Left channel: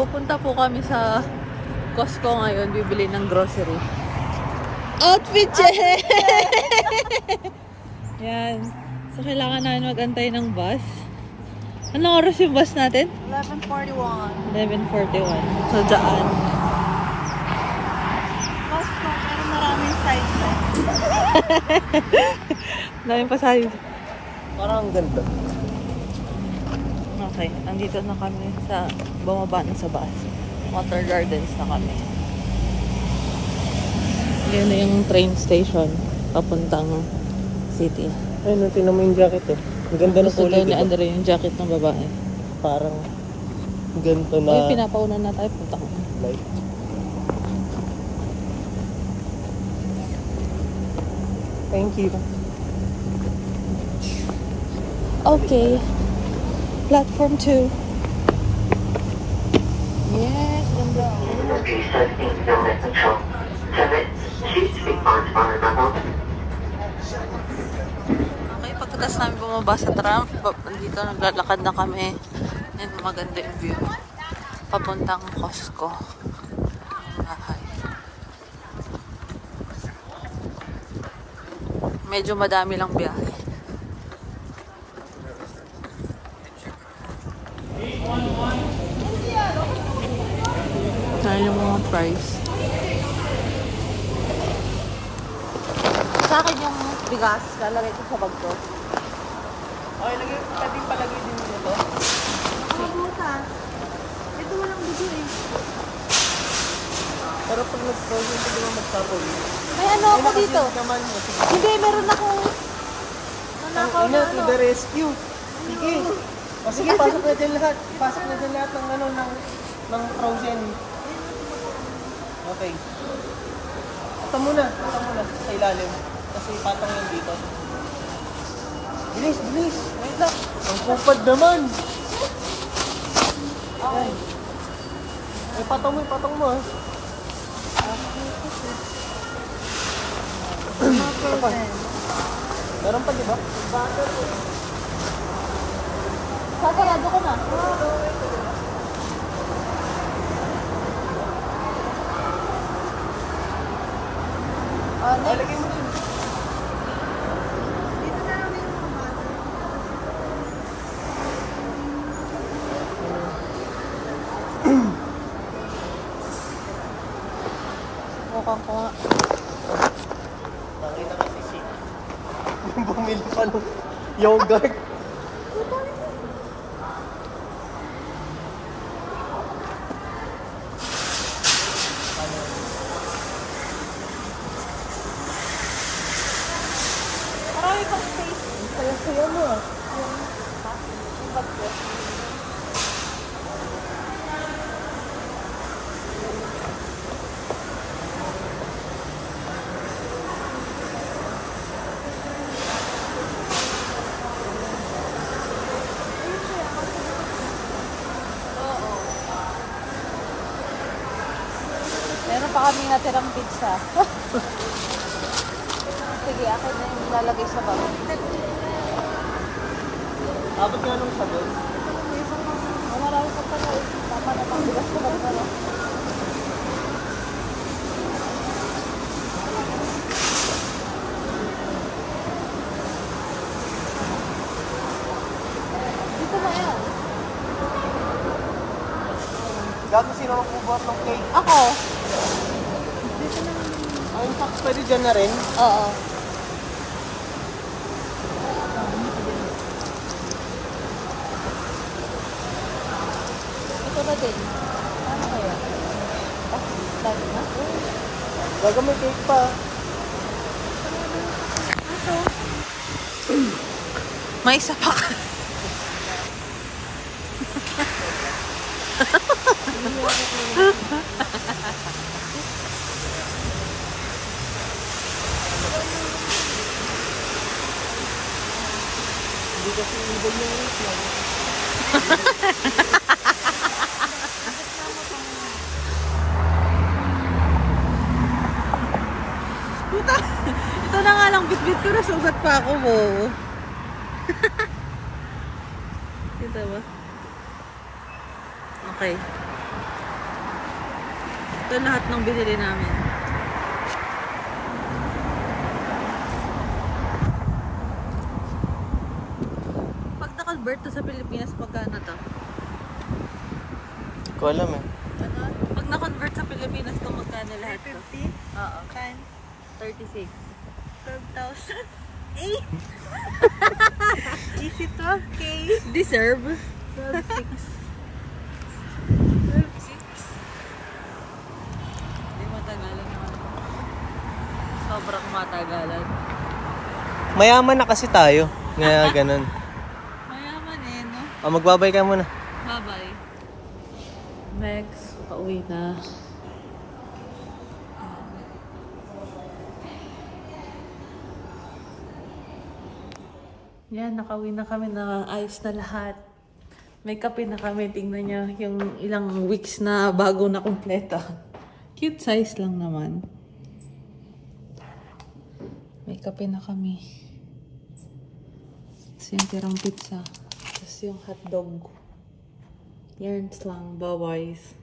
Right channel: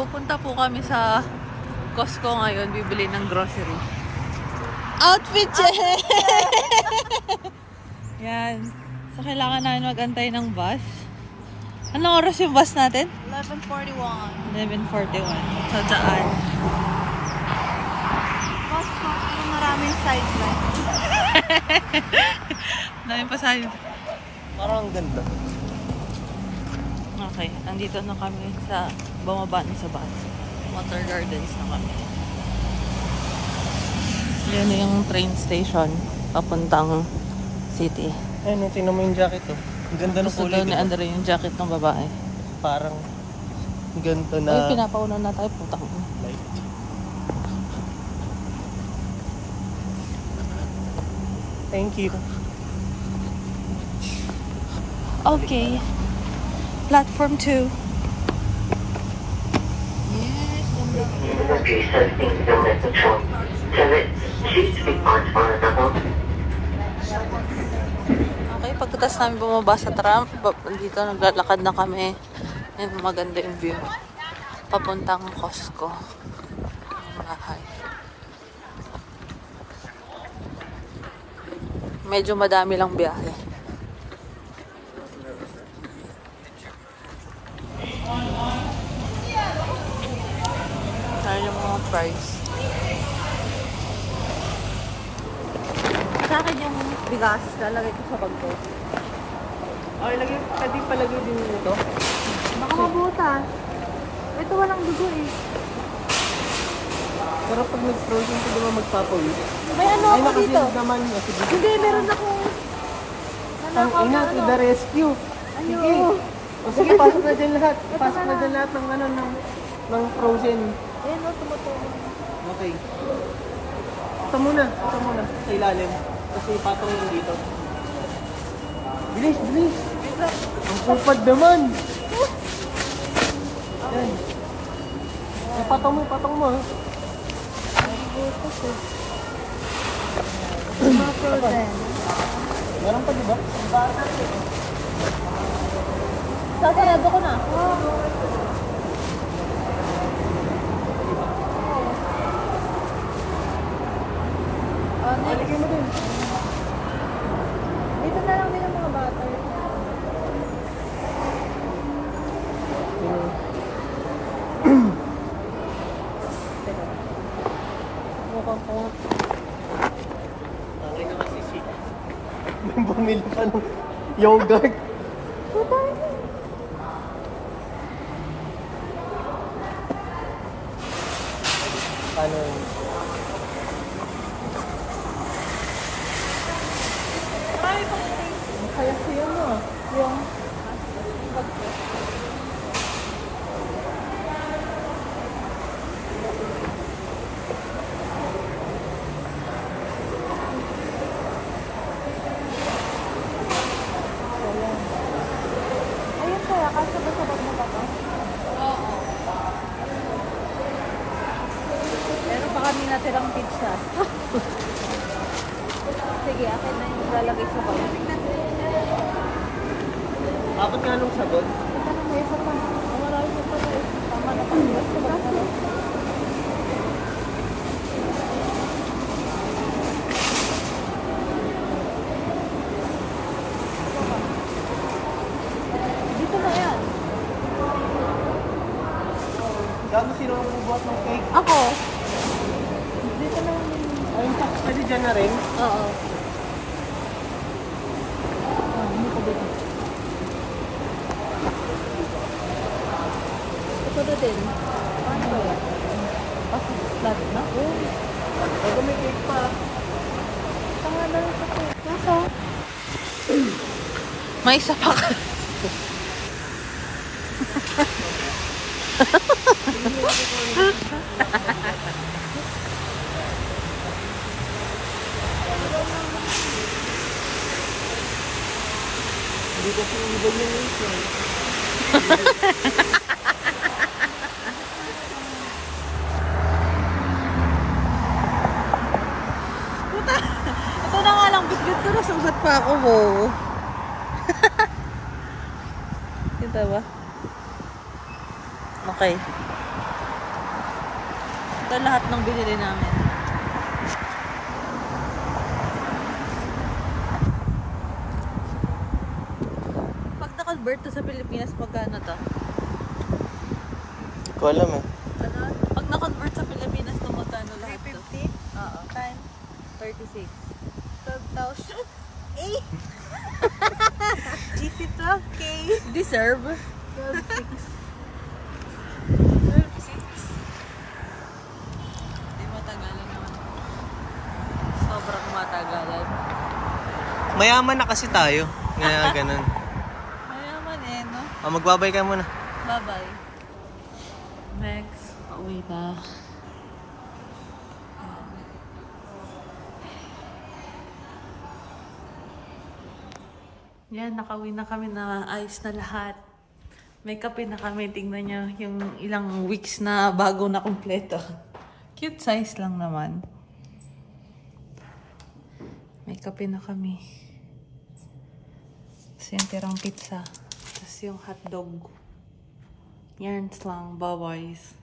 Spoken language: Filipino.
Pupunta po kami sa Costco ngayon, bibili ng grocery. Outfit check! Yan. So, kailangan namin mag-antay ng bus. Anong oras yung bus natin? 11:41. 11:41. So, daan. Costco, maraming sides lang. Maraming pa side. Parang ang ganda. Okay, andito na kami sa bumaba na sa bus. Water Gardens na kami. Yun na yung train station papuntang city. Ayun, tingnan mo yung jacket eh. Ang ganda ng Gusto kulay. daw ni Andre yung jacket ng babae. Parang ganito na. Ay, pinapauna na tayo. Punta ko. Like. Thank you. Okay. Platform 2. Yes, ganda. Okay, pagkatas namin bumaba sa tram, dito naglalakad na kami. Yan, maganda yung view. Papuntang Costco. Yung bahay. Medyo madami lang biyahe. Sa akin yung bigas, lalagay ko sa bag ko. Okay, pwede palagay din nito. Nakabutan. Ito walang dugo eh. Pero pag nag-frozen ko naman magpapawid. May ano ako dito? Naman, sige. Hindi, meron akong Ang ina, to the rescue. Sige. O sige, pasok na dyan lahat. Pasok na dyan lahat ng ano, ng frozen. Ayan o, tumutulong. Okay. Ito muna sa ilalim. Kasi patong yun dito. Bilis, bilis. Ang kupad naman. Yan. Eh, patong mo. Mga frozen. Meron pa, diba? Sasarado ko na. Oh, next. Lagay mo din. Dito na lang din yung mga butter. Mukha ko nga. Tangay na kasi si. Bumili pa ng yogurt. Paano? Marami pang space. Ang saya-saya mo ah. Yung bag ko. Ayun kaya, kasi ba sa bag mo pa to? Oo. Meron pa kami natirang pizza. Sige, akin na yung lalagay sa bag. Abot nga nung sagot. Ito pa na may isa pa. Ang marami pa pala eh. Tama na pagbigas sa bag na lang. Dito na yan. Gago, sino nang bubuhat ng cake? Ako. Dito na lang yung... Ay, in fact, pwede dyan na rin. Oo. Hindi ka din. Ito na din. Paano kaya? Kasi flat na. Oh. Gago, may cake pa. Tama na rin ako. Nasa? May isa pa ka. Hindi kasi ibig yung rate yan. Puta! Ito na nga lang, bit-bit ko na sugat pa ako, bo. Kita ba? Okay. Ito lahat ng binili namin. Pag na-convert to sa Pilipinas, magkano to? Hindi ko alam eh. Ano? Pag na-convert sa Pilipinas to, magkano lahat to? 350 Oo. times 36. 12,000. Easy 12K. Deserve? 12,600. Hindi matagalan naman ito. Sobrang matagalan. Mayaman na kasi tayo. Nga ganun. Mayaman eh, no? Magbabay ka muna. Bye-bye. Next, pauwi na. Yan, nakauwi na kami na ayos na lahat. May kape na kami. Tingnan nyo yung ilang weeks na bago na kumpleto. Cute size lang naman. May kape na kami. Tapos yung tirang pizza. Tapos yung hotdog. Yan lang. Bye-bye.